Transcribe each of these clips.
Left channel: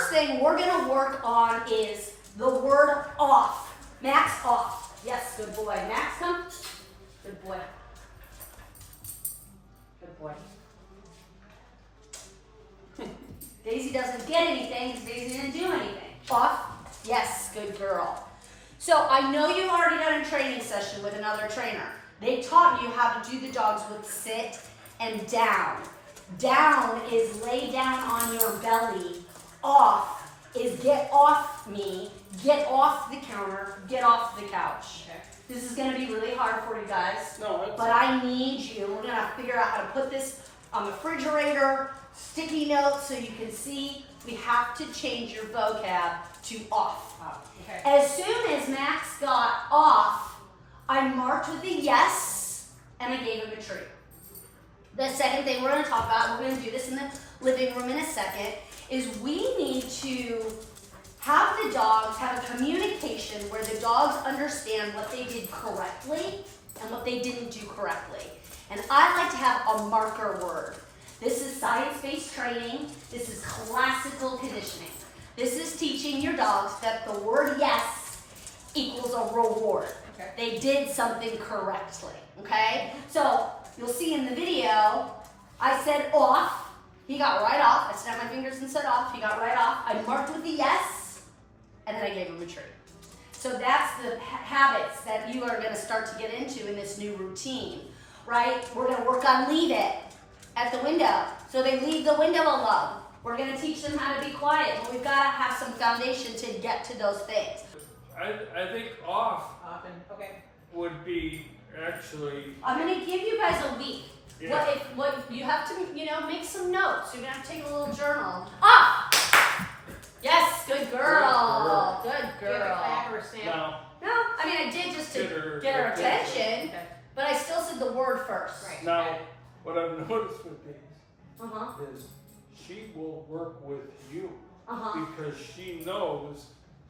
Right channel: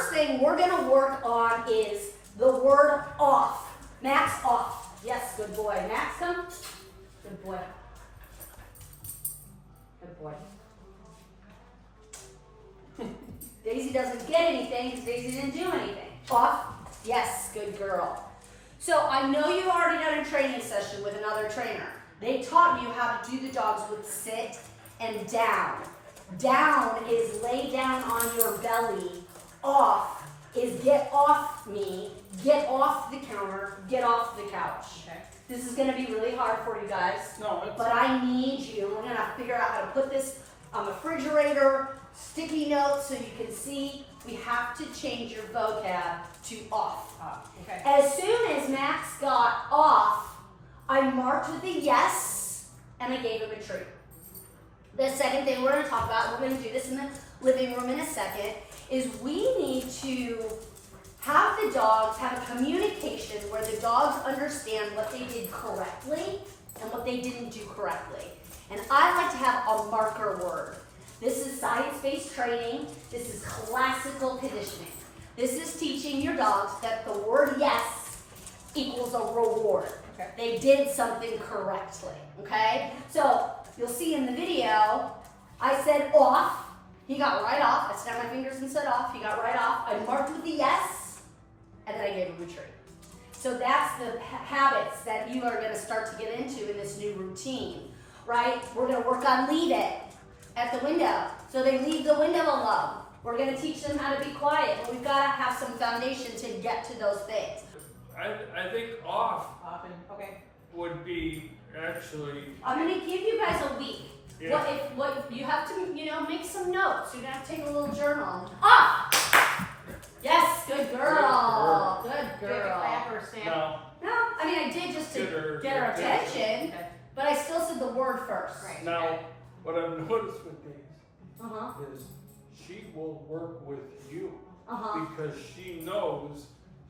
first thing we're gonna work on is the word off. Max, off. Yes, good boy. Max, come. Good boy. Good boy. Daisy doesn't get anything because Daisy didn't do anything. Off. Yes, good girl. So I know you've already done a training session with another trainer. They taught you how to do the dogs with sit and down. Down is lay down on your belly. Off is get off me, get off the counter, get off the couch. Okay. This is gonna be really hard for you guys. No, it's But I need you, we're gonna figure out how to put this on the refrigerator, sticky notes so you can see. We have to change your vocab to off. okay. As soon as Max got off, I marked with a yes, and I gave him a treat. The second thing we're gonna talk about, we're gonna do this in the living room in a second, is we need to have the dogs have a communication where the dogs understand what they did correctly and what they didn't do correctly. And I like to have a marker word. This is science-based training. This is classical conditioning. This is teaching your dogs that the word yes equals a reward. Okay. They did something correctly, okay? So you'll see in the video, I said off. He got right off. I snapped my fingers and said off. He got right off. I marked with the yes, and then I gave him a treat. So that's the habits that you are going to start to get into in this new routine, right? We're going to work on leave it at the window. So they leave the window alone. We're going to teach them how to be quiet, but we've got to have some foundation to get to those things. I think off Often. Okay. would be actually, I'm going to give you guys a week. Yeah. What you have to, make some notes. You're going to have to take a little journal. Off! Yes, good girl. Good Do you have a girl. clap or a snap? no, No, I mean, I did just to Get her get her attention. attention, Okay. but I still said the word first. Right. now, what I've noticed with Daisy Uh-huh, is she will work with you uh-huh. because she knows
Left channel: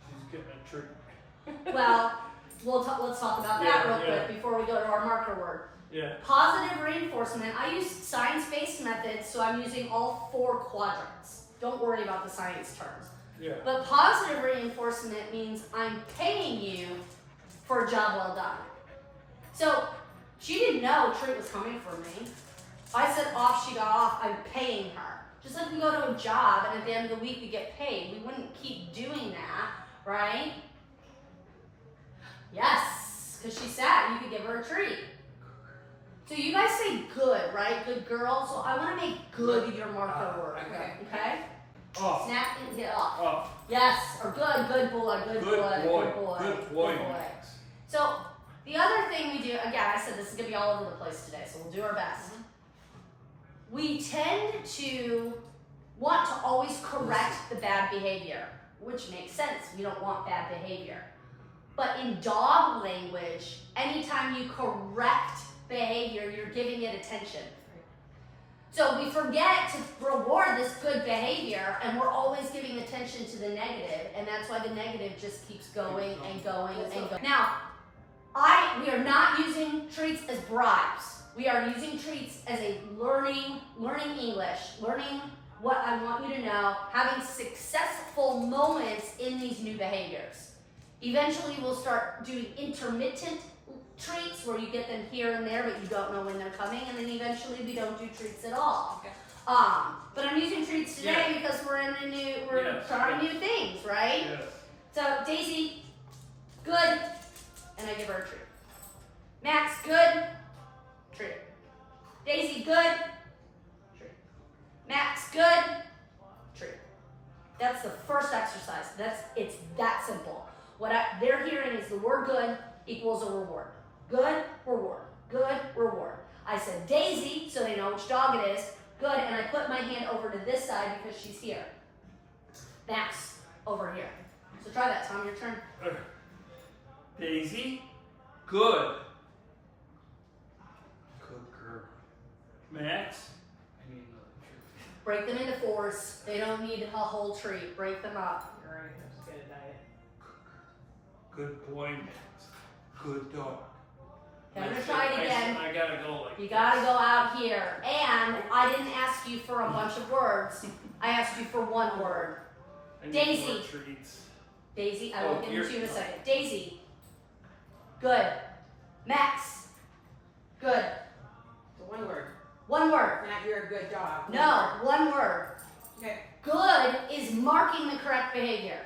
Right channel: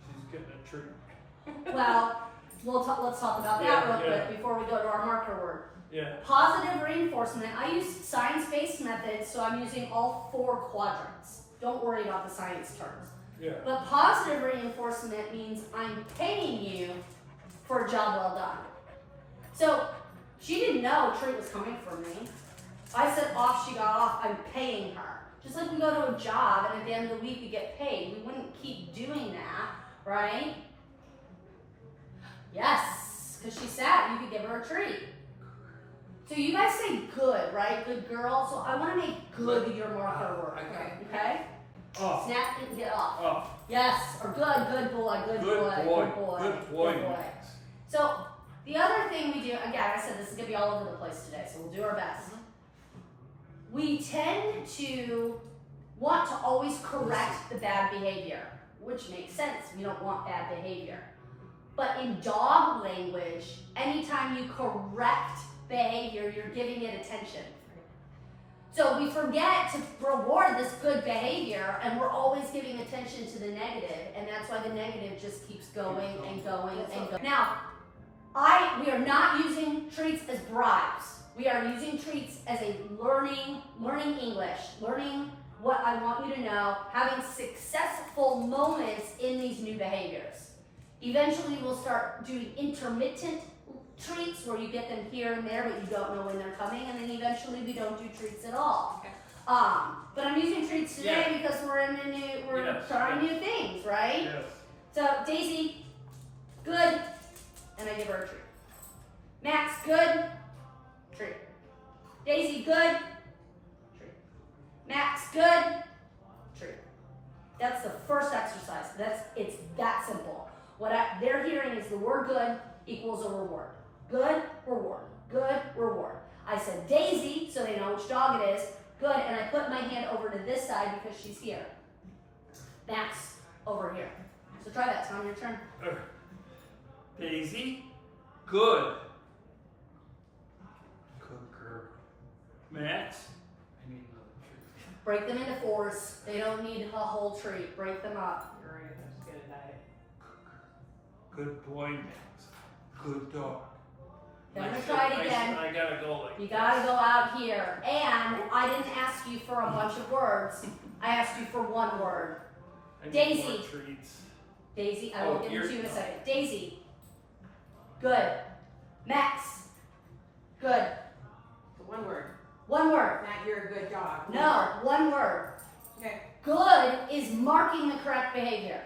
she's getting a treat. Well, let's talk about that Yeah, real yeah. quick before we go to our marker word. Yeah, Positive reinforcement. I use science-based methods, so I'm using all 4 quadrants. Don't worry about the science terms. yeah. But positive reinforcement means I'm paying you for a job well done. So she didn't know a treat was coming from me. I said off, she got off, I'm paying her. Just like we go to a job and at the end of the week we get paid. We wouldn't keep doing that, right? Yes, because she sat, you could give her a treat. So you guys say good, right? Good girl. So I want to make good your marker word. Okay. Okay? Off, Snap and get off. off. Yes, or good boy, good boy, good boy. Good boy, Max. So the other thing we do, again, I said this is gonna be all over the place today, so we'll do our best. We tend to want to always correct the bad behavior, which makes sense. We don't want bad behavior. But in dog language, anytime you correct behavior, you're giving it attention. So we forget to reward this good behavior, and we're always giving attention to the negative, and that's why the negative just keeps going and going and going. Now, we are not using treats as bribes. We are using treats as a learning English, learning what I want you to know, having successful moments in these new behaviors. Eventually, we'll start doing intermittent treats where you get them here and there, but you don't know when they're coming, and then eventually we don't do treats at all. Okay. But I'm using treats today Yeah. because we're Yes, trying yes. new things, right? Yes. So Daisy, good, and I give her a treat. Max, good, treat. Daisy, good, treat. Max, good, treat. That's the first exercise. It's that simple. What they're hearing is the word good equals a reward. Good, reward. Good, reward. I said Daisy, so they know which dog it is. Good, and I put my hand over to this side because she's here. Max, over here. So try that, Tom, your turn. Daisy, good. Good girl. Max, I need another treat. Break them into 4s. They don't need a whole treat. Break them up. You're right. I'm just get a diet. good boy, Max. Good dog. Okay, I'm I gonna said- try it again. I gotta go like You this. gotta go out here. And I didn't ask you for a bunch of words. I asked you for one word. I need Daisy. more treats. Daisy, I will Oh, give them to you in a you're- second. Daisy. Good. Max. Good. So one word. One word. Not you're a good dog. One No, word. one word. Okay. Good is marking the correct behavior.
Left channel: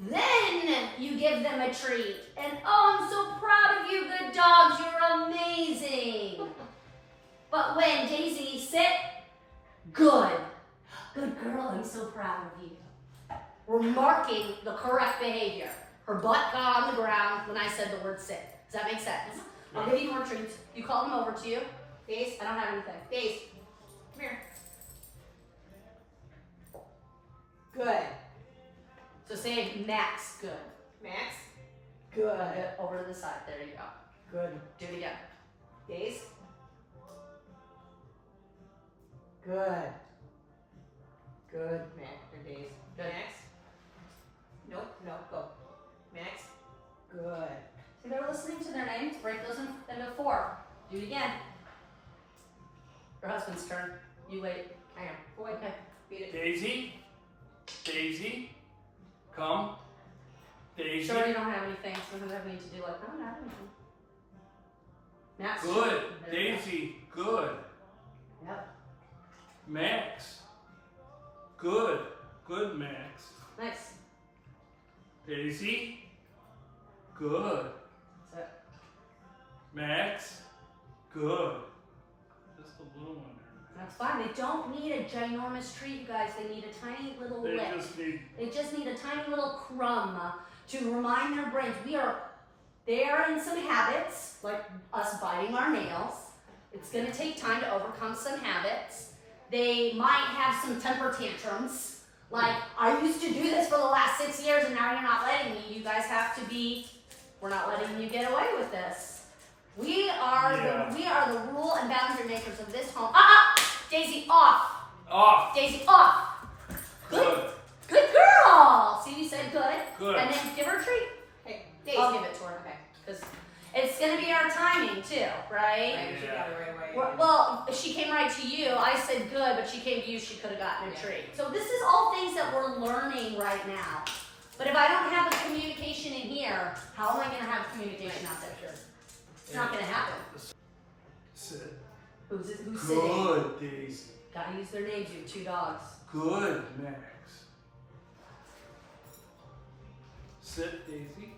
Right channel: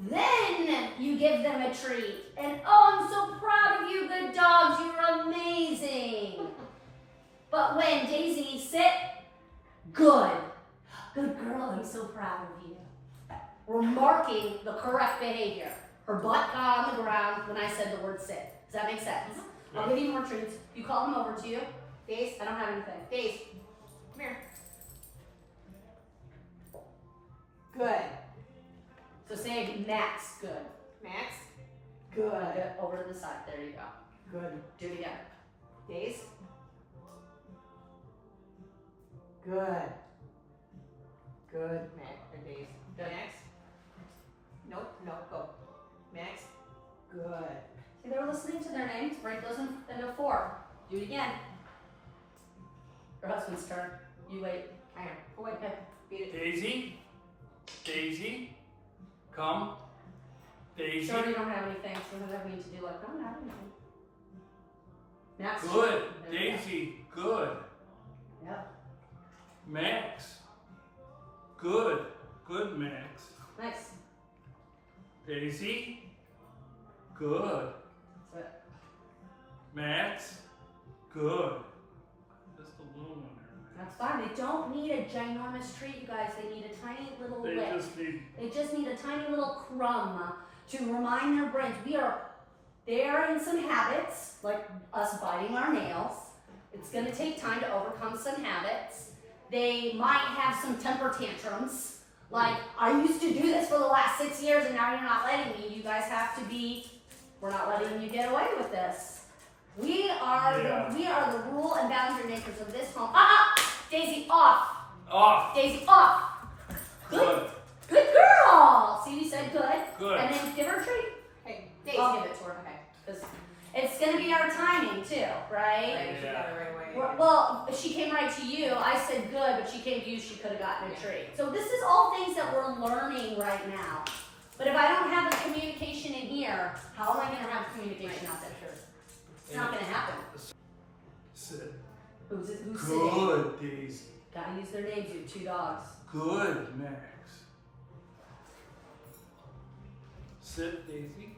Then you give them a treat. And oh, I'm so proud of you, good dogs. You're amazing. But when Daisy, sit, good. Good girl, I'm so proud of you. We're marking the correct behavior. Her butt got on the ground when I said the word sit. Does that make sense? I'll give you more treats. You call them over to you. Daisy. I don't have anything. Daisy. Come here. Good. So say Max, good. Max. Good. Over to the side. There you go. Good. Do it again. Daisy. Good. Good. Max or Daisy. Good. Max. Nope. Go. Max. Good. See, they were listening to their names. Break those into 4. Do it again. Your husband's turn. You wait. Hang on. Go away. Okay. Beat it. Daisy. Daisy. Come. Daisy. Sure, you don't have anything. Sometimes I need to do like, I don't have anything. Max. Good. There you go. Daisy. Good. Yep. Max. Good. Good, Max. Nice. Daisy. Good. That's it. Max. Good. Just a little one there. That's fine. They don't need a ginormous treat, you guys. They need a tiny little They lick. just need. They just need a tiny little crumb to remind their brains they are in some habits, like us biting our nails. It's going to take time to overcome some habits. They might have some temper tantrums. Like, I used to do this for the last 6 years and now you're not letting me. You guys have to we're not letting you get away with this. We are the rule and boundary makers of this home. Daisy, off. Off. Daisy, off. Good. Good girl. See, you said good. Good. And then give her a treat. Hey, Daisy. I'll give it to her. Okay. Because it's going to be our timing too, right? Right, she got it right away. Well, she came right to you. I said good, but she came to you. She could have gotten a treat. So this is all things that we're learning right now. But if I don't have a communication in here, how am I going to have communication out there? Sure. It's not going to happen. Sit. Who's sitting? Good, Daisy. Got to use their names. You have 2 dogs. Good, Max. Sit, Daisy.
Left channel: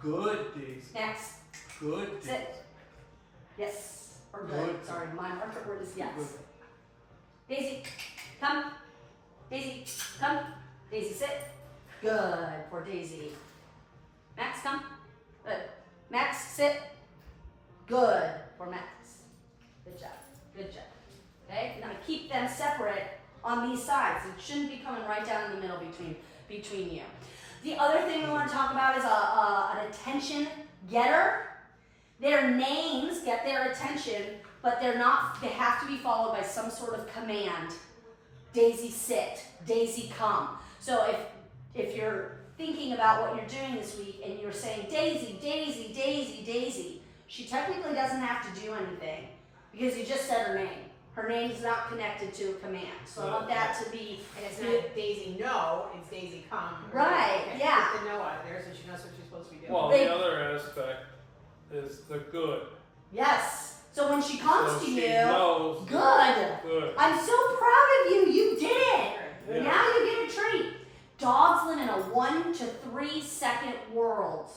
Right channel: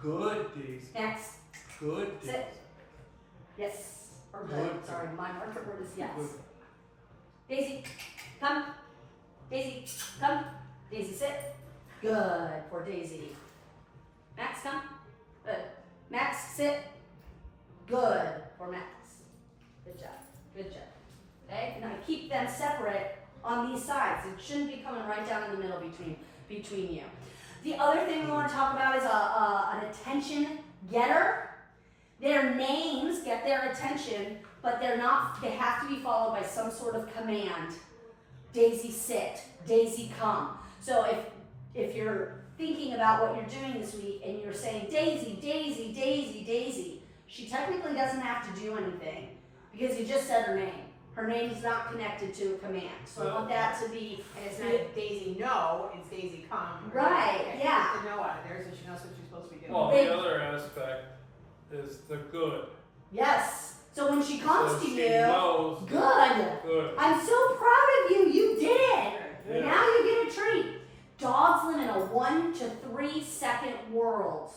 Good, Daisy. Next. Good, Daisy. Sit. Yes. Or good. Good. Sorry, my marker word is yes. Good. Daisy, come. Daisy, come. Daisy, sit. Good for Daisy. Max, come. Good. Max, sit. Good for Max. Good job. Good job. Okay? Now keep them separate on these sides. It shouldn't be coming right down in the middle between you. The other thing we want to talk about is an attention getter. Their names get their attention, but they have to be followed by some sort of command. Daisy, sit. Daisy, come. So if you're thinking about what you're doing this week and you're saying Daisy, Daisy, Daisy, Daisy, she technically doesn't have to do anything because you just said her name. Her name is not connected to a command. So I want that to be, And it's not Daisy no, it's Daisy come. Right, Okay, yeah. Get the no out of there so she knows what she's supposed to be doing. Well, They- the other aspect is the good. yes. So when she comes So to she you, knows good. Good. I'm so proud of you. You did it. Sure. Yeah. Now you get a treat. Dogs live in a 1 to 3 second world.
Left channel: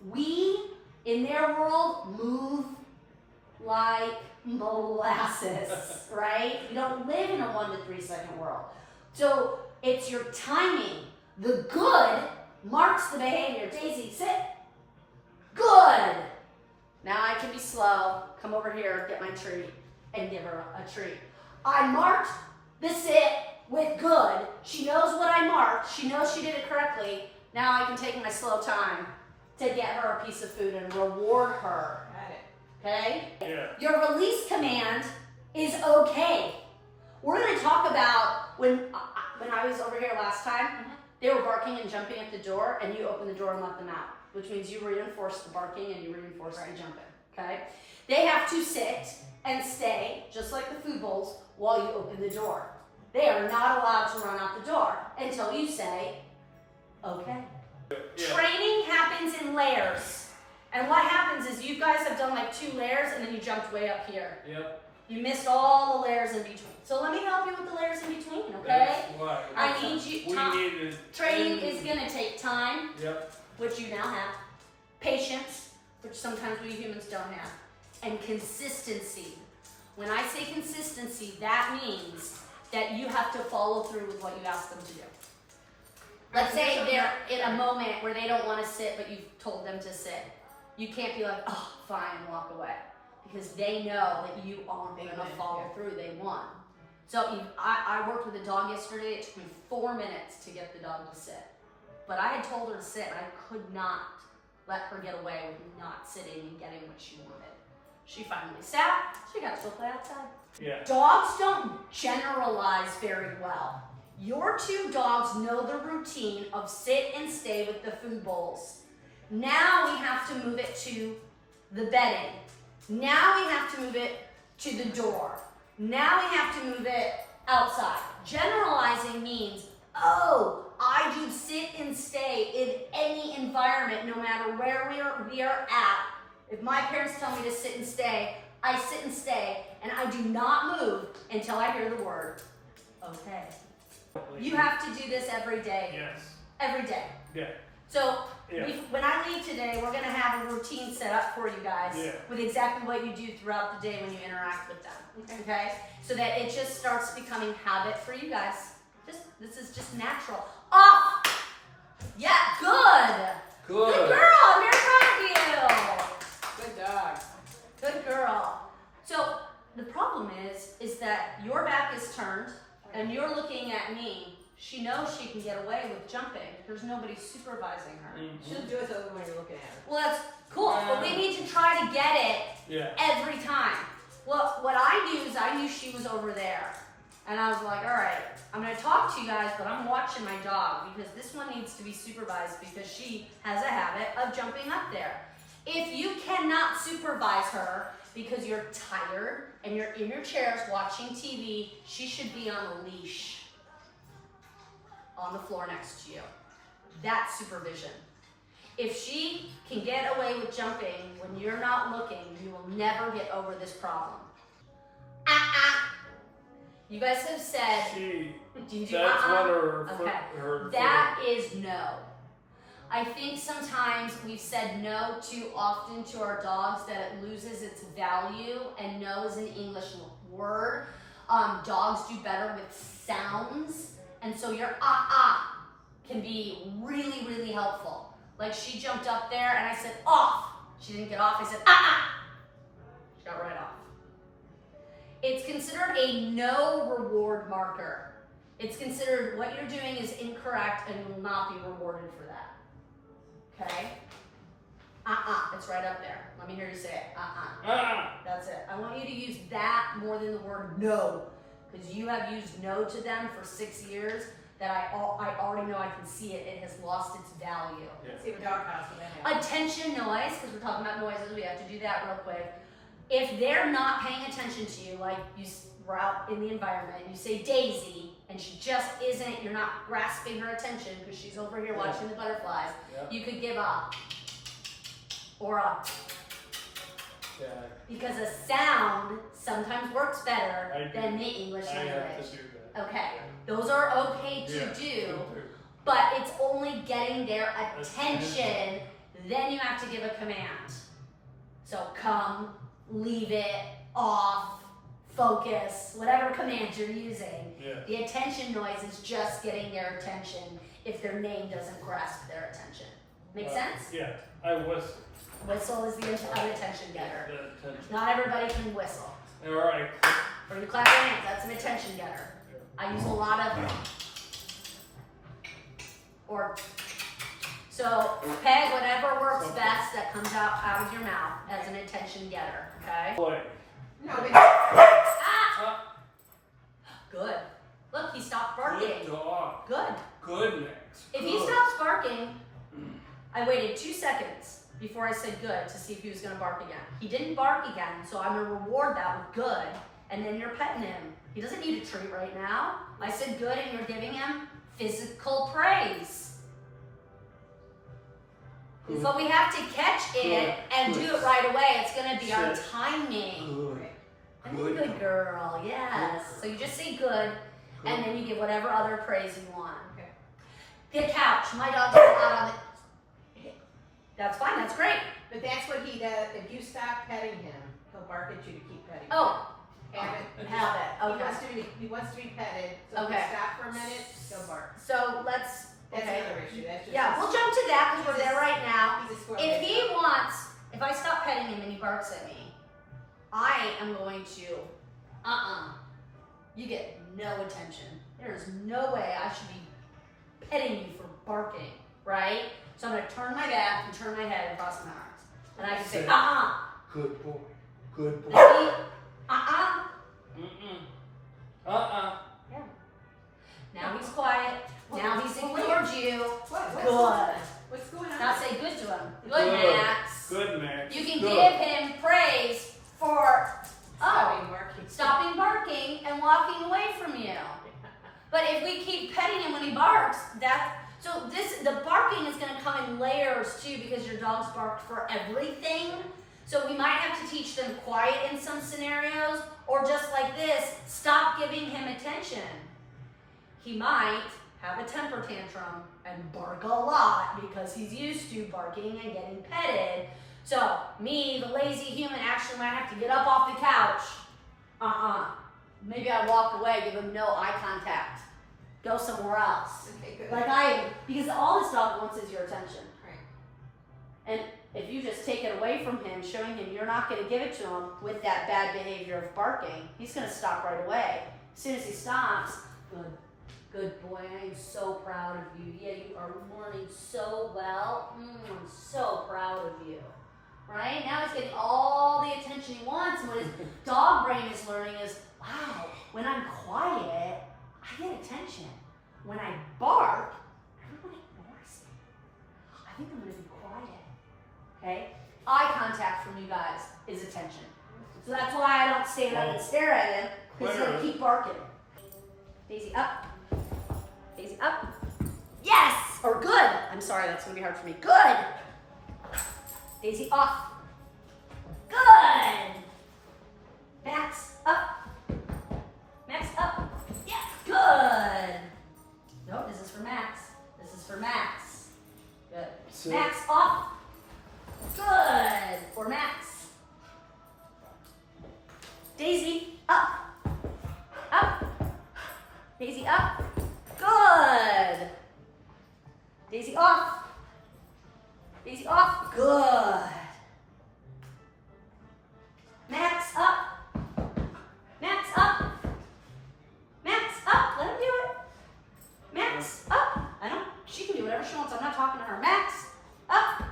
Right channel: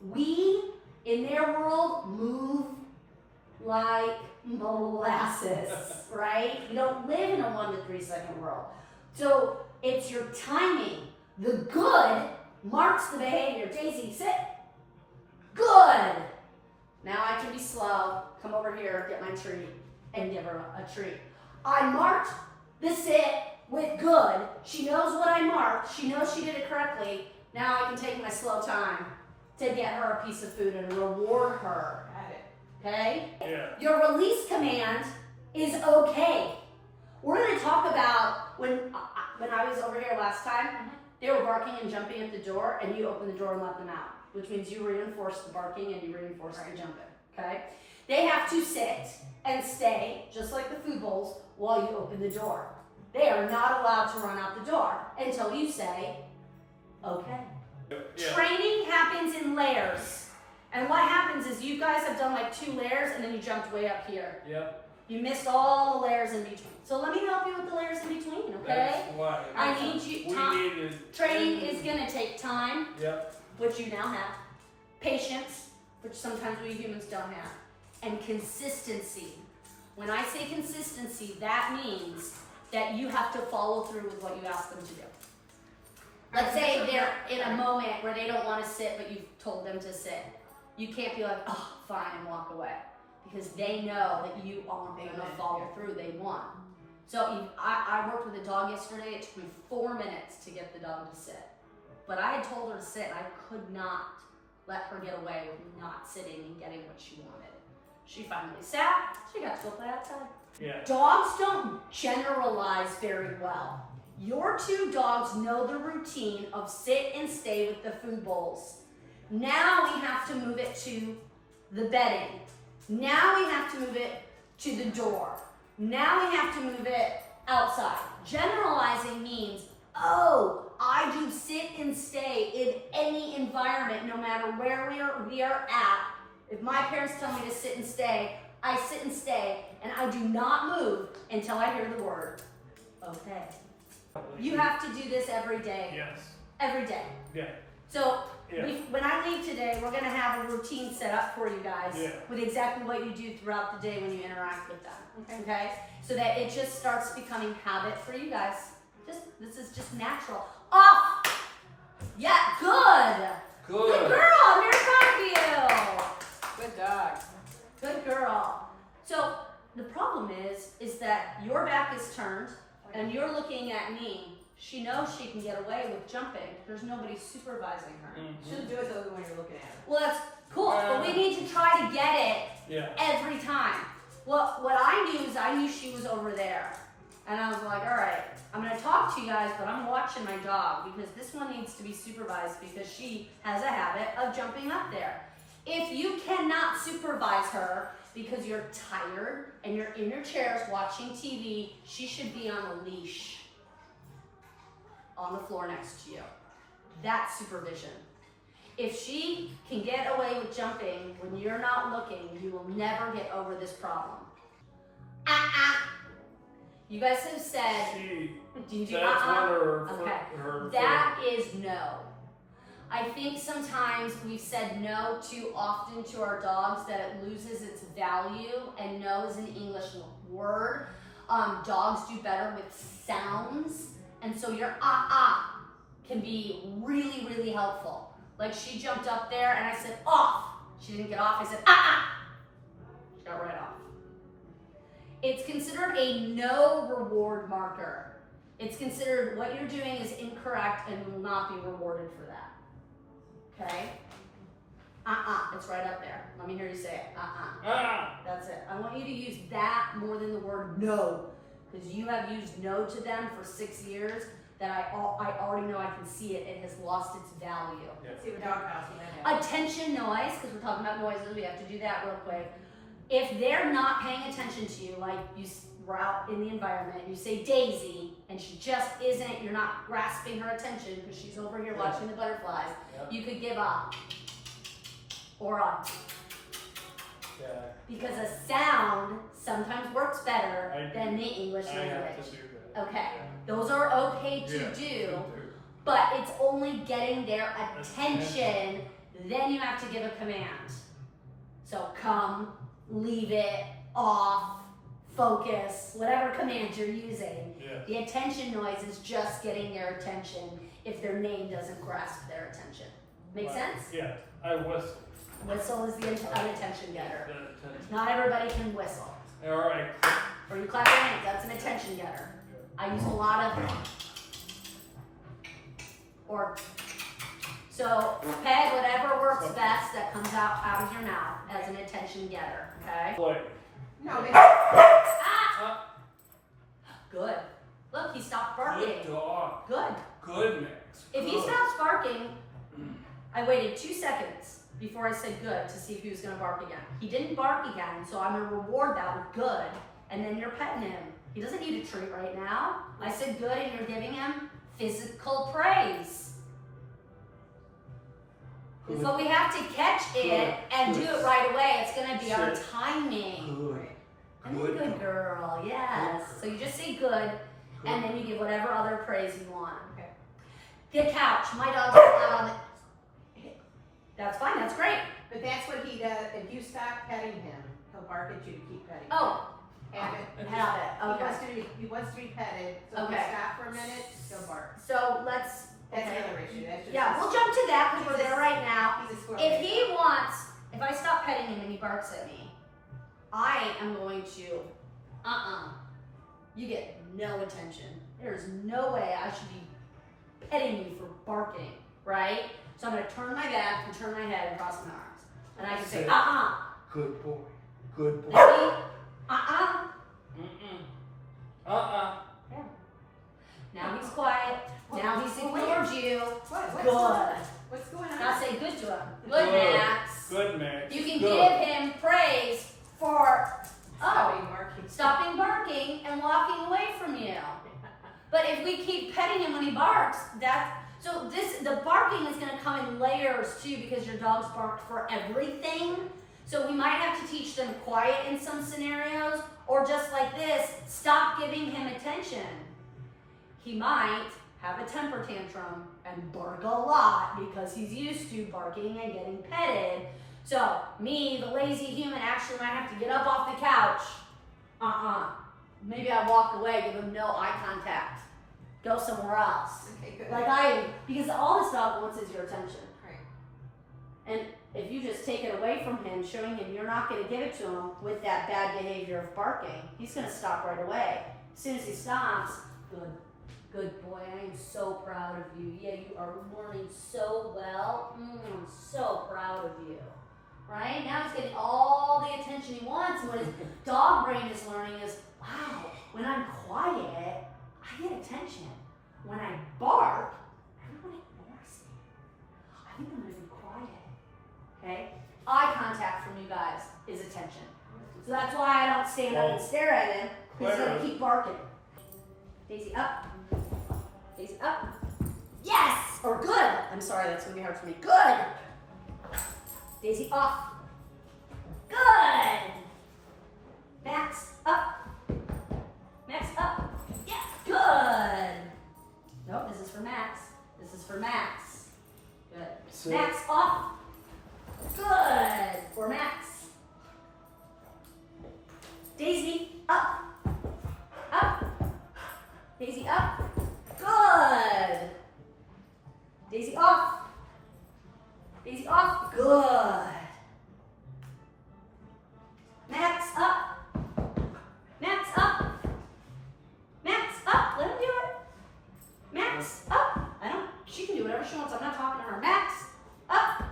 We, in their world, move like molasses, right? We don't live in a 1 to 3 second world. So it's your timing. The good marks the behavior. Daisy, sit. Good. Now I can be slow. Come over here, get my treat, and give her a treat. I marked the sit with good. She knows what I marked. She knows she did it correctly. Now I can take my slow time to get her a piece of food and reward her. Got it. Okay? Yeah. Your release command is okay. We're going to talk about when I was over here last time, they were barking and jumping at the door, and you open the door and let them out, which means you reinforce the barking and you reinforce the jumping. Okay? They have to sit and stay, just like the food bowls, while you open the door. They are not allowed to run out the door until you say, okay. Yeah. Training happens in layers. And what happens is you guys have done like 2 layers and then you jumped way up here. Yep. You missed all the layers in between. So let me help you with the layers in between, okay? That's why. I need you, We Tom, needed. training is gonna take time, Yep. which you now have, patience, which sometimes we humans don't have, and consistency. When I say consistency, that means that you have to follow through with what you ask them to do. Let's say they're in a moment where they don't want to sit, but you've told them to sit. You can't be like, oh, fine, and walk away. Because they know that you aren't going to follow through. They want. So I worked with a dog yesterday. It took me 4 minutes to get the dog to sit. But I had told her to sit, and I could not let her get away with not sitting and getting what she wanted. She finally sat. She got to go play outside. Yeah. Dogs don't generalize very well. Your 2 dogs know the routine of sit and stay with the food bowls. Now we have to move it to the bedding. Now we have to move it to the door. Now we have to move it outside. Generalizing means, oh, I do sit and stay in any environment, no matter where we are at. If my parents tell me to sit and stay, I sit and stay, and I do not move until I hear the word, okay. You have to do this every day. Yes. Every day. Yeah. So Yeah. when I leave today, we're gonna have a routine set up for you guys Yeah. with exactly what you do throughout the day when you interact with them. Okay? So that it just starts becoming habit for you guys. This is just natural. Off! Yeah, good! Good girl! I'm very proud of you! Good dog. Good girl. So the problem is that your back is turned and you're looking at me. She knows she can get away with jumping. There's nobody supervising her. She'll do it the other way you're looking at her. Well, that's cool, but we need to try to get it Yeah. every time. Well, what I knew is I knew she was over there. And I was like, all right, I'm gonna talk to you guys, but I'm watching my dog because this one needs to be supervised because she has a habit of jumping up there. If you cannot supervise her because you're tired and you're in your chairs watching TV, she should be on a leash on the floor next to you. That's supervision. If she can get away with jumping when you're not looking, you will never get over this problem. You guys have said, She. do you do That's one of her. Okay. Her That is no. I think sometimes we've said no too often to our dogs that it loses its value, and no is an English word. Dogs do better with sounds, and so your can be really, really helpful. Like she jumped up there and I said off. She didn't get off, I said She got right off. It's considered a no reward marker. It's considered what you're doing is incorrect and you will not be rewarded for that. Okay? It's right up there. Let me hear you say it. That's it. I want you to use that more than the word no. Because you have used no to them for 6 years that I already know I can see it. It has lost its value. Let's see what dog house when they have. Attention noise, because we're talking about noises, we have to do that real quick. If they're not paying attention to you, like you were out in the environment, you say Daisy, and she just isn't, you're not grasping her attention because she's over here watching the butterflies, you could give up. Or a. Yeah. Because a sound sometimes works better than the English I language. have to do that. Okay, those are okay to do, but it's only getting their attention, then you have to give a command. So come, leave it, off, focus, whatever command you're using. Yeah. The attention noise is just getting their attention if their name doesn't grasp their attention. Make sense? Yeah. I whistle. Whistle is the attention getter. The attention. Not everybody can whistle. All right. Or you clap your hands, that's an attention getter. I use a lot of, so peg whatever works best that comes out of your mouth as an attention getter, okay? Play. No, but Good. Look, he stopped barking. Good dog. Good. Good mix. If he Good. stops barking, I waited 2 seconds before I said good to see if he was gonna bark again. He didn't bark again, so I'm gonna reward that with good, and then you're petting him. He doesn't need a treat right now. I said good, and you're giving him physical praise. Good. But we have to catch it and do it right away. It's going to be our Sit. timing. Good. I'm a good girl, yes. So you just say good, and then you give whatever other praise you want. Okay. The couch. My dog's out on the. That's fine. That's great. But that's what he does. If you stop petting him, he'll bark at you to keep petting him. Oh, Have it. have it. He Okay. wants to be petted. So if Okay. you stop for a minute, he'll bark. So let's. That's Okay. another issue. That's just Yeah, we'll jump to that because we're there right now. He's a squirrel. If he wants, if I stop petting him and he barks at me, I am going to, you get no attention. There's no way I should be petting you for barking, right? So I'm gonna turn my back and turn my head and cross my arms. And I can say, Sit. Good boy. Good boy. And he, Mm-mm. Now he's quiet. Now he's ignored you. What's Good. going on? What's going on? Now say good to him. Good, Good. Max. Good, Max. You can Good. give him praise for Stopping barking. stopping barking and walking away from you. But if we keep petting him when he barks, the barking is going to come in layers too, because your dog's barked for everything. So we might have to teach them quiet in some scenarios, or just like this, stop giving him attention. He might have a temper tantrum and bark a lot because he's used to barking and getting petted. So me, the lazy human, actually might have to get up off the couch. Maybe I walk away, give him no eye contact. Go somewhere else. Okay, good. Because all this dog wants is your attention. Right. And if you just take it away from him, showing him you're not going to give it to him with that bad behavior of barking, he's going to stop right away. As soon as he stops, good boy, I am so proud of you. Yeah, you are learning so well. I'm so proud of you. Right? Now he's getting all the attention he wants. And what his dog brain is learning is, wow, when I'm quiet, I get attention. When I bark, everyone ignores me. I think I'm going to be quiet. Okay? Eye contact from you guys is attention. So that's why I don't stand up and stare at him, because he's going to keep barking. Daisy up. Daisy up. Yes! Or good. I'm sorry, that's going to be hard for me. Good. Daisy off. Good. Max up. Max up. Yeah. Good. No, this is for Max. This is for Max. Good. Sit. Max off. Good. For Max. Daisy up. Up. Daisy up. Good. Daisy off. Daisy off. Good. Max up. Max up. Max up. Let him do it. Max up. She can do whatever she wants. I'm not talking to her. Max up.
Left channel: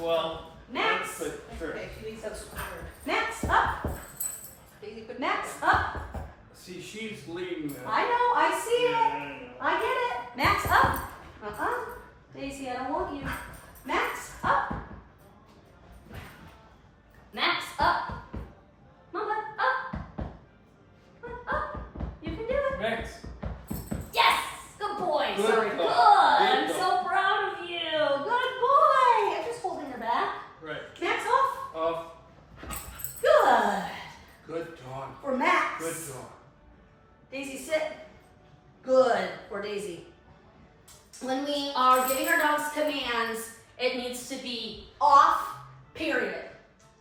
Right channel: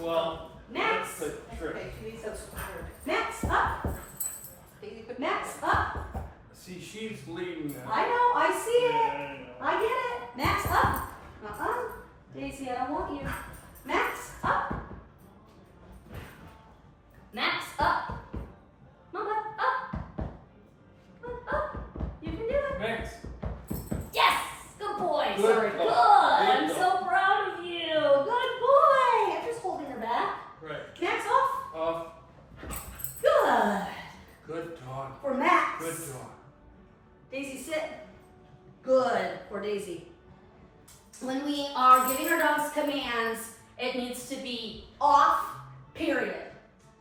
Well, Max. that's the trick. Okay, she needs those squirrels. Max up. Daisy, put Max up. See, she's leading that. I know. I see Yeah, it. I know. I get it. Max up. Daisy, I don't want you. Max up. Max up. Mama up. Up. You can do it. Max. Yes. Good boy. Good Sorry. dog. Good. Good I'm dog. so proud of you. Good boy. I'm just holding her back. Right. Max off. Off. Good. Good dog. For Max. Good dog. Daisy, sit. Good for Daisy. When we are giving our dogs commands, it needs to be off, period.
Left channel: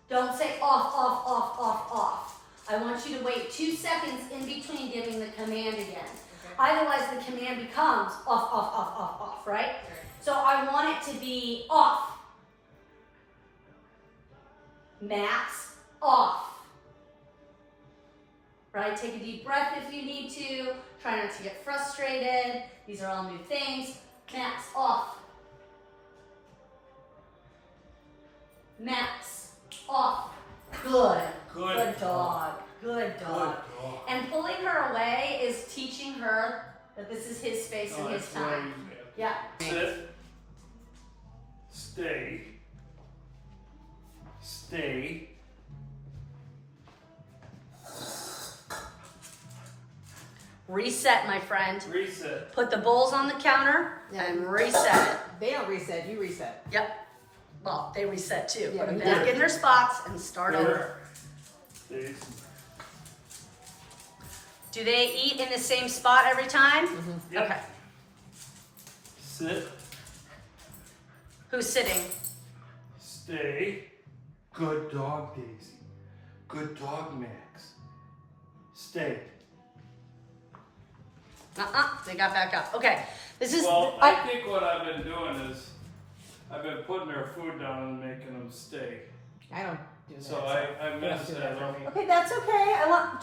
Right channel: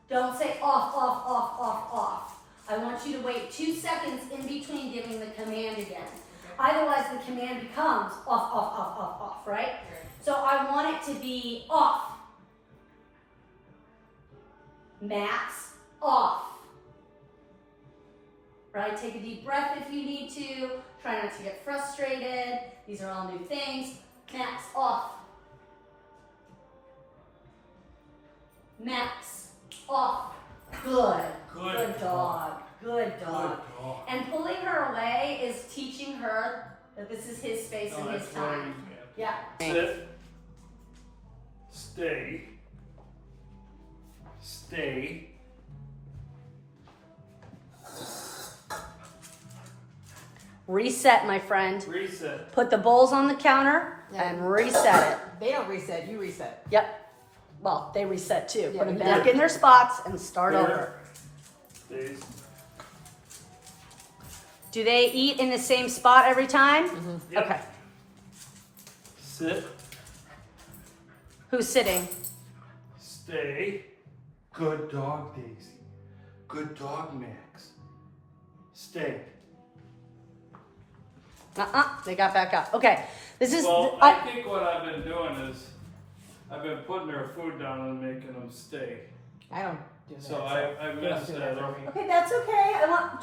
Don't say off, off, off, off, off. I want you to wait 2 seconds in between giving the command again. Okay. Otherwise, the command becomes off, off, off, off, off, right? Right. So I want it to be off. Max, off. Right? Take a deep breath if you need to. Try not to get frustrated. These are all new things. Max, off. Max, off. Good. Good dog. Good Good dog. dog. And pulling her away is teaching her that this is his space and his that's what time. he's got. Yeah. Sit. Stay. Stay. Reset, my friend. Reset. Put the bowls on the counter Yeah. and reset it. They don't reset, you reset. Yep. Well, they reset too. Yeah, Put them but back you- in their spots and start Here. over. These. Do they eat in the same spot every time? Yep. Okay. Sit. Who's sitting? Stay. Good dog, Daisy. Good dog, Max. Stay. They got back up. Okay. This is. Well, I think what I've been doing is I've been putting their food down and making them stay. I don't do that. So I messed do that for up. me. Okay, that's okay. I want.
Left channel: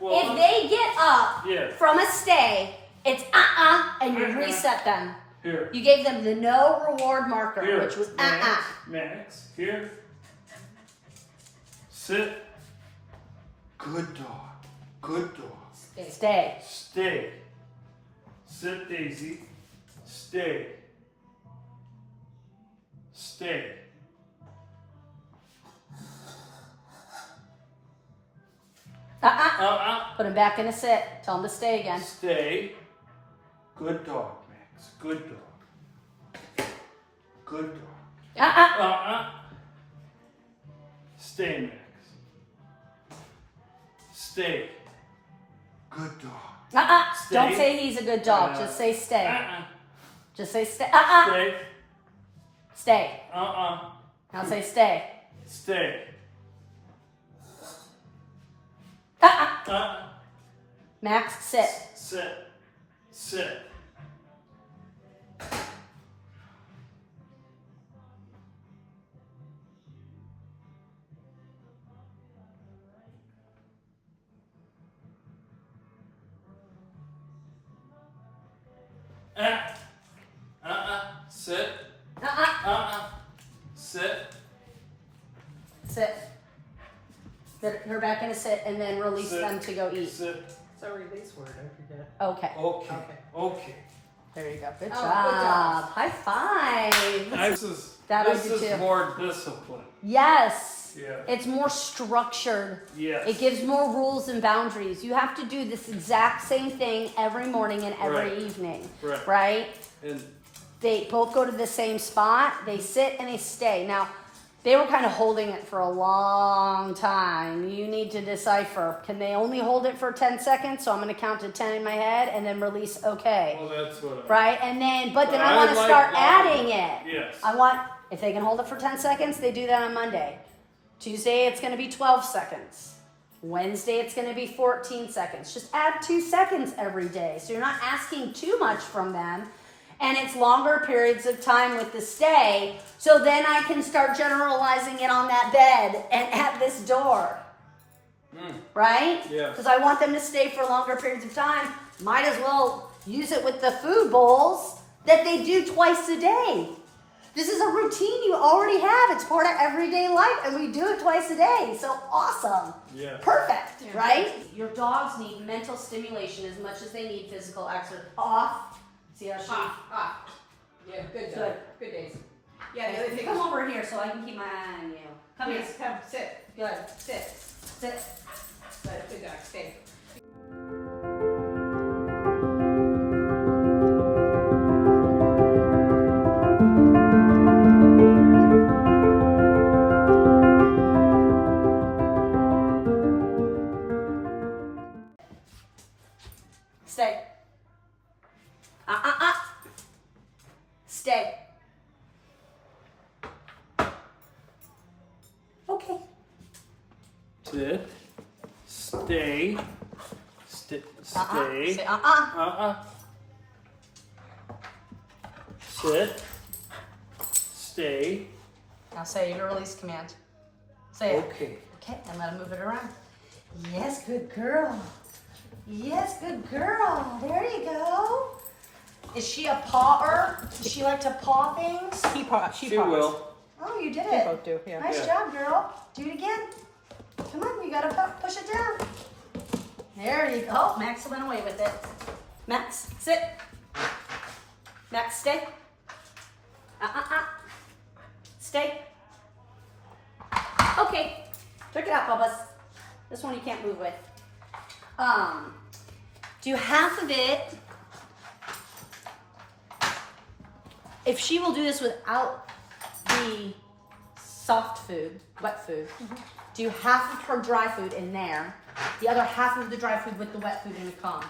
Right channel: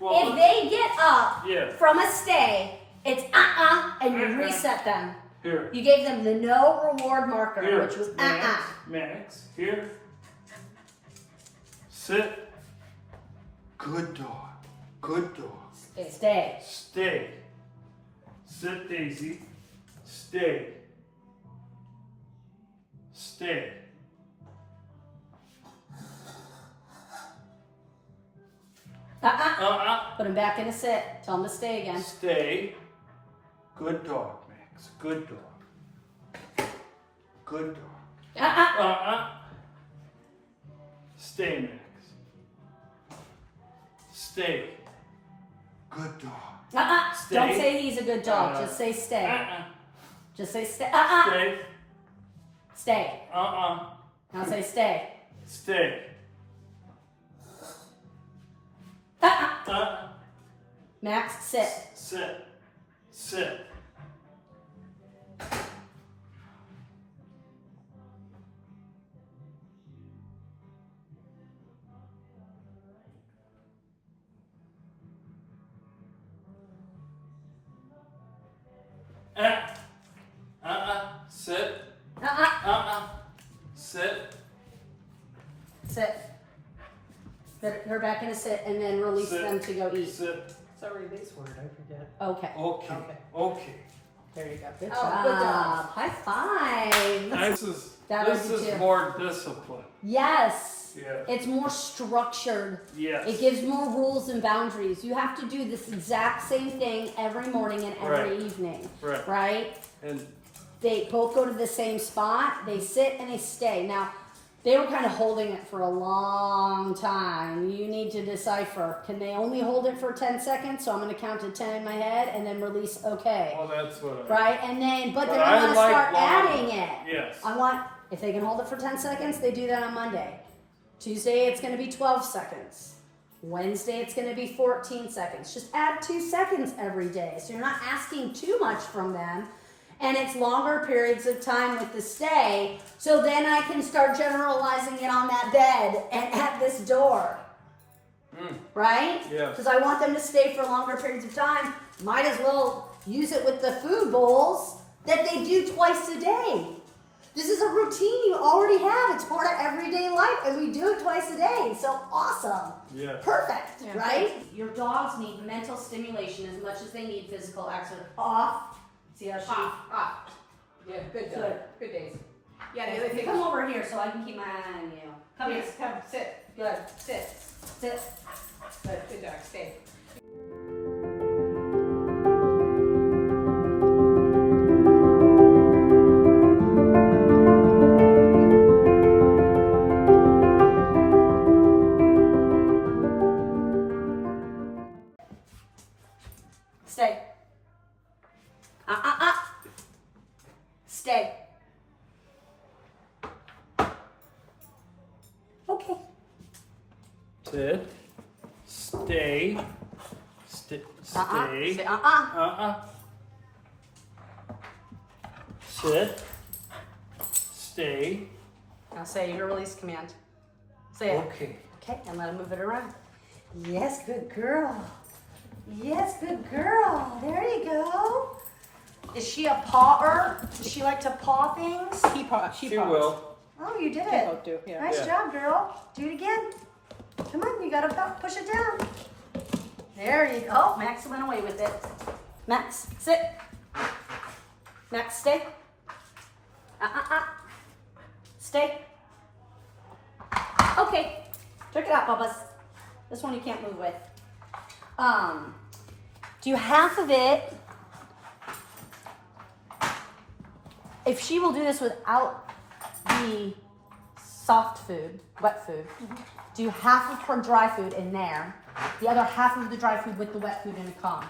Well, If they get up yeah. from a stay, it's and you reset them. Here. You gave them the no reward marker, Here. which was Max. Max. Here. Sit. Good dog. Good dog. Stay. Stay. Sit, Daisy. Stay. Stay. Put them back in a sit. Tell them to stay again. Stay. Good dog, Max. Good dog. Good dog. Stay, Max. Stay. Good dog. Stay. Don't say he's a good dog. Just say stay. Just say stay. Stay. Stay. Now say stay. Stay. Max, sit. Sit. Sit. Sit. Sit. Sit. Put her back in a sit and then release Sit. them to go eat. Sit. It's a release word, I forget. Okay. Okay. Okay. Okay. There you go. Good Oh, job. good job. High five. This I is do too. more discipline. Yes. Yeah. It's more structured. Yes. It gives more rules and boundaries. You have to do this exact same thing every morning and every Right. evening. Right. Right? And They both go to the same spot. They sit and they stay. Now, they were kind of holding it for a long time. You need to decipher. Can they only hold it for 10 seconds? So I'm going to count to 10 in my head and then release okay. well, that's what. Right? And then, but then But I I want to like start longer. adding it. Yes. I want, if they can hold it for 10 seconds, they do that on Monday. Tuesday, it's going to be 12 seconds. Wednesday, it's going to be 14 seconds. Just add 2 seconds every day. So you're not asking too much from them. And it's longer periods of time with the stay. So then I can start generalizing it on that bed and at this door. Right? Yes. Because I want them to stay for longer periods of time. Might as well use it with the food bowls that they do twice a day. This is a routine you already have. It's part of everyday life, and we do it twice a day. So awesome. Yeah. Perfect, right? Your dogs need mental stimulation as much as they need physical exercise. Off. See how she... Off. Yeah, good job. Good. Good days. Yeah, the other thing Come over here so I can keep my eye on you. Come here. Yes, come, sit. Good. Sit. Sit. Good, good dog, stay. Stay. Stay. Okay. Sit. Stay. Stay. Say Stay. Sit. Stay. Now say your release command. Say it. Okay. Okay, and let him move it around. Yes, good girl. Yes, good girl. There you go. Is she a pawer? Does she like to paw things? She will. Oh, you did They it. both do, yeah. Nice Yeah. job, girl. Do it again. Come on, you gotta push it down. There you go. Oh, Max went away with it. Max, sit. Max, stay. Stay. Okay. Check it out, Bubba's. This one you can't move with. Do half of it. If she will do this without the soft food, wet food, do half of her dry food in there, the other half of the dry food with the wet food in a Kong.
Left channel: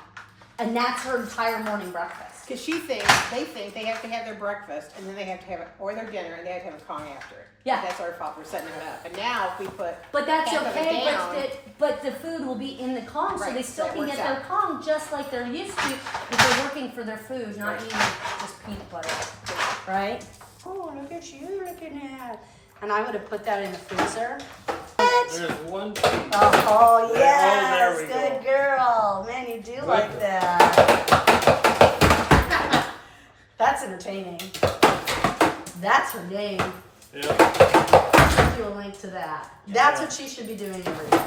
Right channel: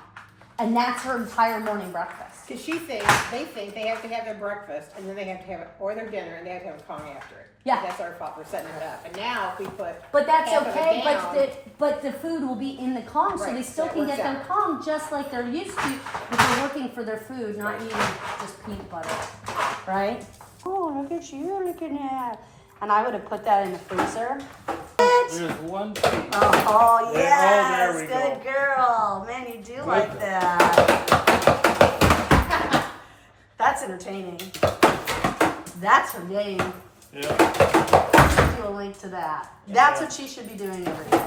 And that's her entire morning breakfast. Because they think they have to have their breakfast and then they have to have it, or their dinner, and they have to have a Kong after it. Yeah. That's our fault for setting it up. And now if we put But that's half of it okay, down, but the food will be in the Kong, so Right, they still that can works get their out. Kong just like they're used to if they're working for their food, not eating just peanut butter. Right? Oh, look at you looking at. And I would have put that in the freezer. There's one. Oh, there yes, we go. good girl. Man, you do like that. That's entertaining. That's her game. Yeah. Do a link to that. That's what she should be doing every day.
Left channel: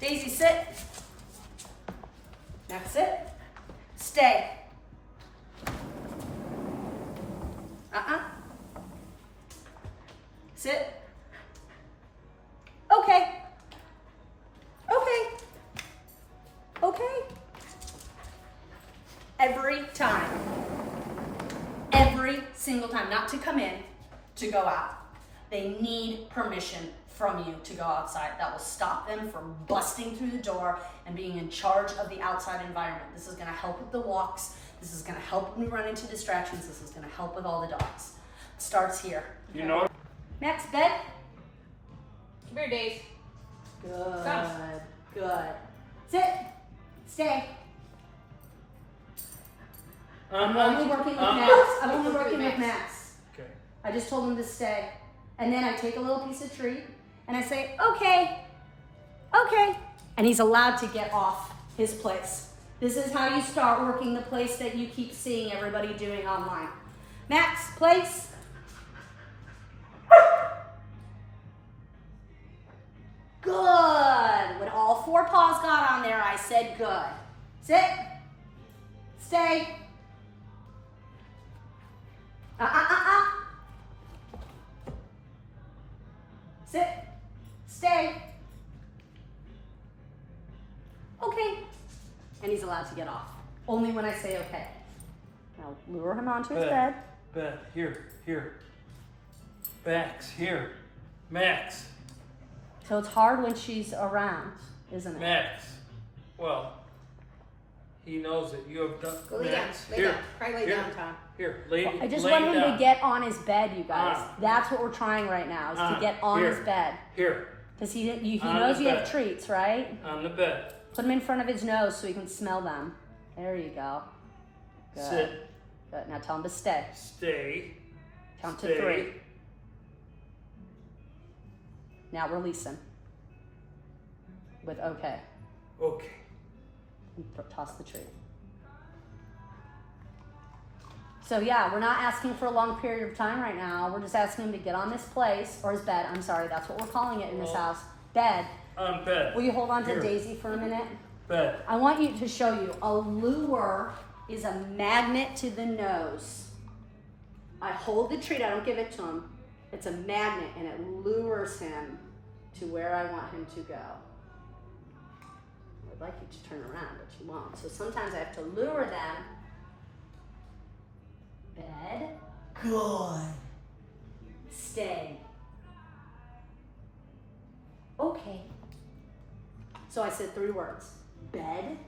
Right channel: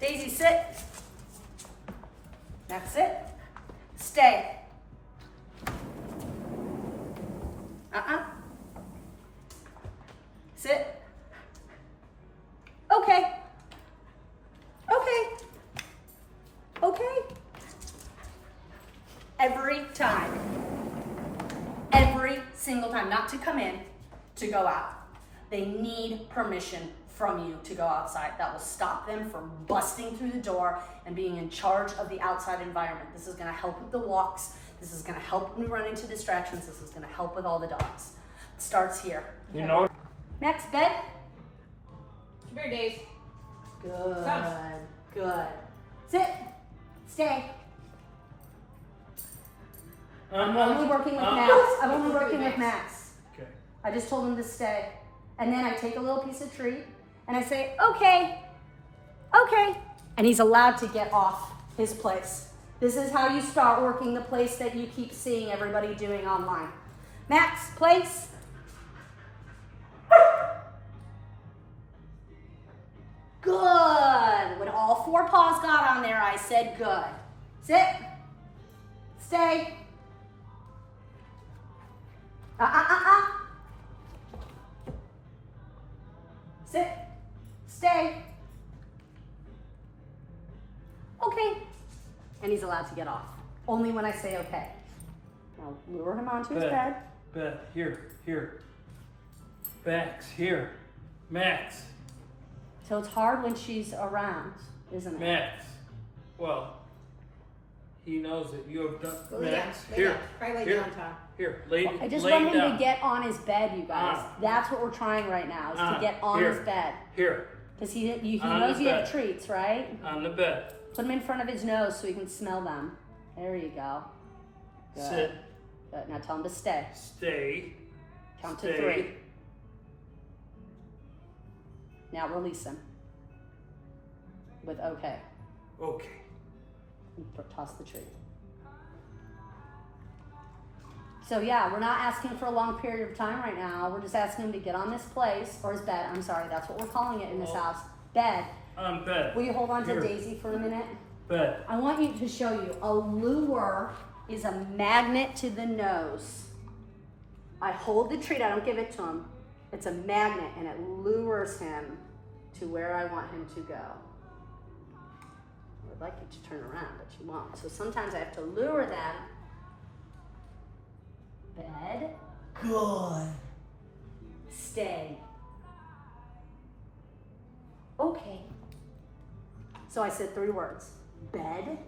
Daisy, sit. That's it. Stay. Sit. Okay. Okay. Okay. Every time. Every single time. Not to come in, to go out. They need permission from you to go outside. That will stop them from busting through the door and being in charge of the outside environment. This is gonna help with the walks. This is gonna help when we run into distractions. This is gonna help with all the dogs. It starts here. You know. Max, bed. Come here, Days. Good. Come. Good. Sit. Stay. I'm only working with Max. I'm only working with Max. Okay. I just told him to stay. And then I take a little piece of treat and I say, okay, okay. And he's allowed to get off his place. This is how you start working the place that you keep seeing everybody doing online. Max, place. Good. When all four paws got on there, I said good. Sit. Stay. Sit. Stay. Okay. And he's allowed to get off. Only when I say okay. Now lure him onto his bed. Bed. Here. Max. Here. Max. So it's hard when she's around, isn't it? Max. Well, he knows that you have done. Go lay down. Max. Lay Here. down. Try lay Here. down, Tom. Here. Lay I just lay want him down. to get on his bed, you guys. On. That's what we're trying right now, is to On. get on Here. his bed. Here. Because he On knows the you have bed. treats, right? On the bed. Put him in front of his nose so he can smell them. There you go. Good. Sit. Good. Now tell him to stay. Stay. Count Stay. to 3. Now release him. With okay. Okay. Toss the treat. So yeah, we're not asking for a long period of time right now. We're just asking him to get on this place, or his bed. I'm sorry, that's what we're calling it in this Well, house. Bed. On bed. Will you hold on to Here. Daisy for a minute? Bed. I want you to show you. A lure is a magnet to the nose. I hold the treat, I don't give it to him. It's a magnet and it lures him to where I want him to go. I would like you to turn around, but you won't. So sometimes I have to lure them. Bed. Good. Stay. Okay. So I said 3 words. Bed.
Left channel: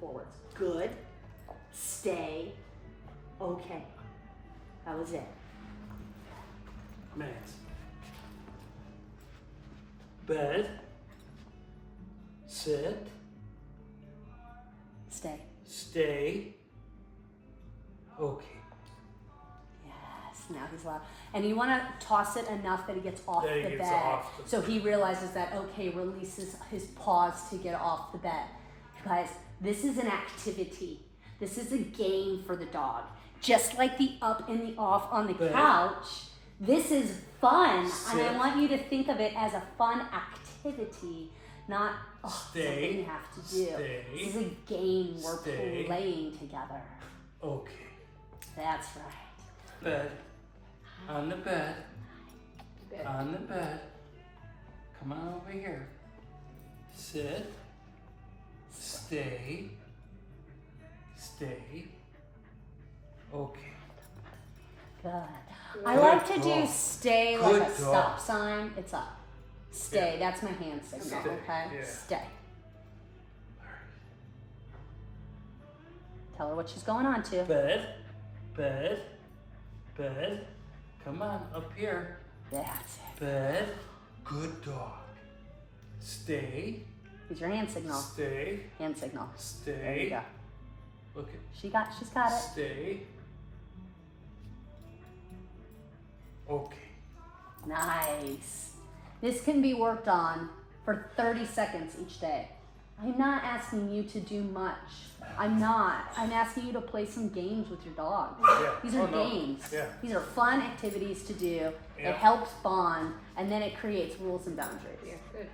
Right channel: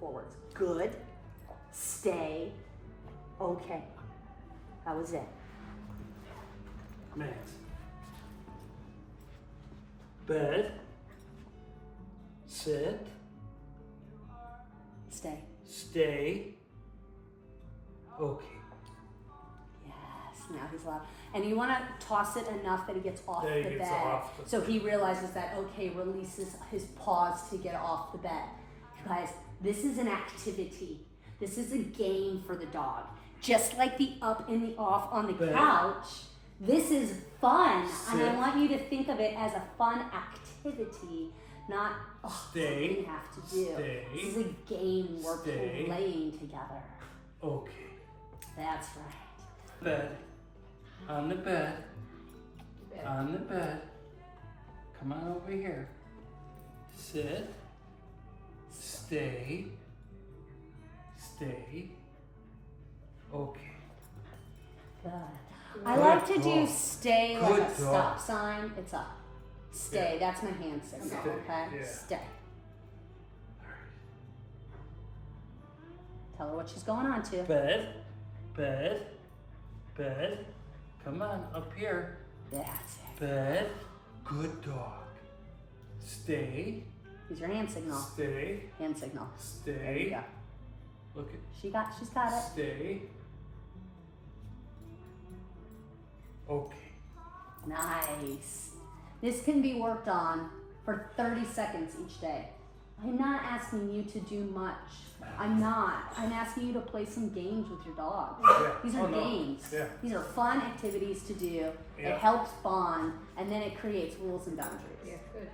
4 words. Good. Stay. Okay. That was it. Max. Bed. Sit. Stay. Stay. Okay. Yes. Now he's loud. And you want to toss it enough that he gets off That the he gets bed. off the- So he realizes that, okay, releases his paws to get off the bed. Guys, this is an activity. This is a game for the dog. Just like the up and the off on the Bed. couch, this is fun. And Sit. I want you to think of it as a fun activity, not Stay. something you have to do. Stay. This is a game we're Stay. playing together. Okay. That's right. Bed. On the bed. Bed. On the bed. Come on over here. Sit. Stay. Stay. Okay. Good. I Good like to do dog. stay Good like a stop dog. sign. It's up. Stay. That's my hand signal. Stay, Okay. yeah. Stay. Tell her what she's going on to. Bed. Bed. Bed. Come on, up here. That's it. Bed. Good dog. Stay. Use your hand signal. Stay. Hand signal. There you Stay. go. Look at. She's got it. Stay. Okay. Nice. This can be worked on for 30 seconds each day. I'm not asking you to do much. I'm not. I'm asking you to play some games with your dog. Yeah. These are Oh, no. games. Yeah. These are fun activities to do. Yeah. It helps bond, and then it creates rules and boundaries. Yeah, good.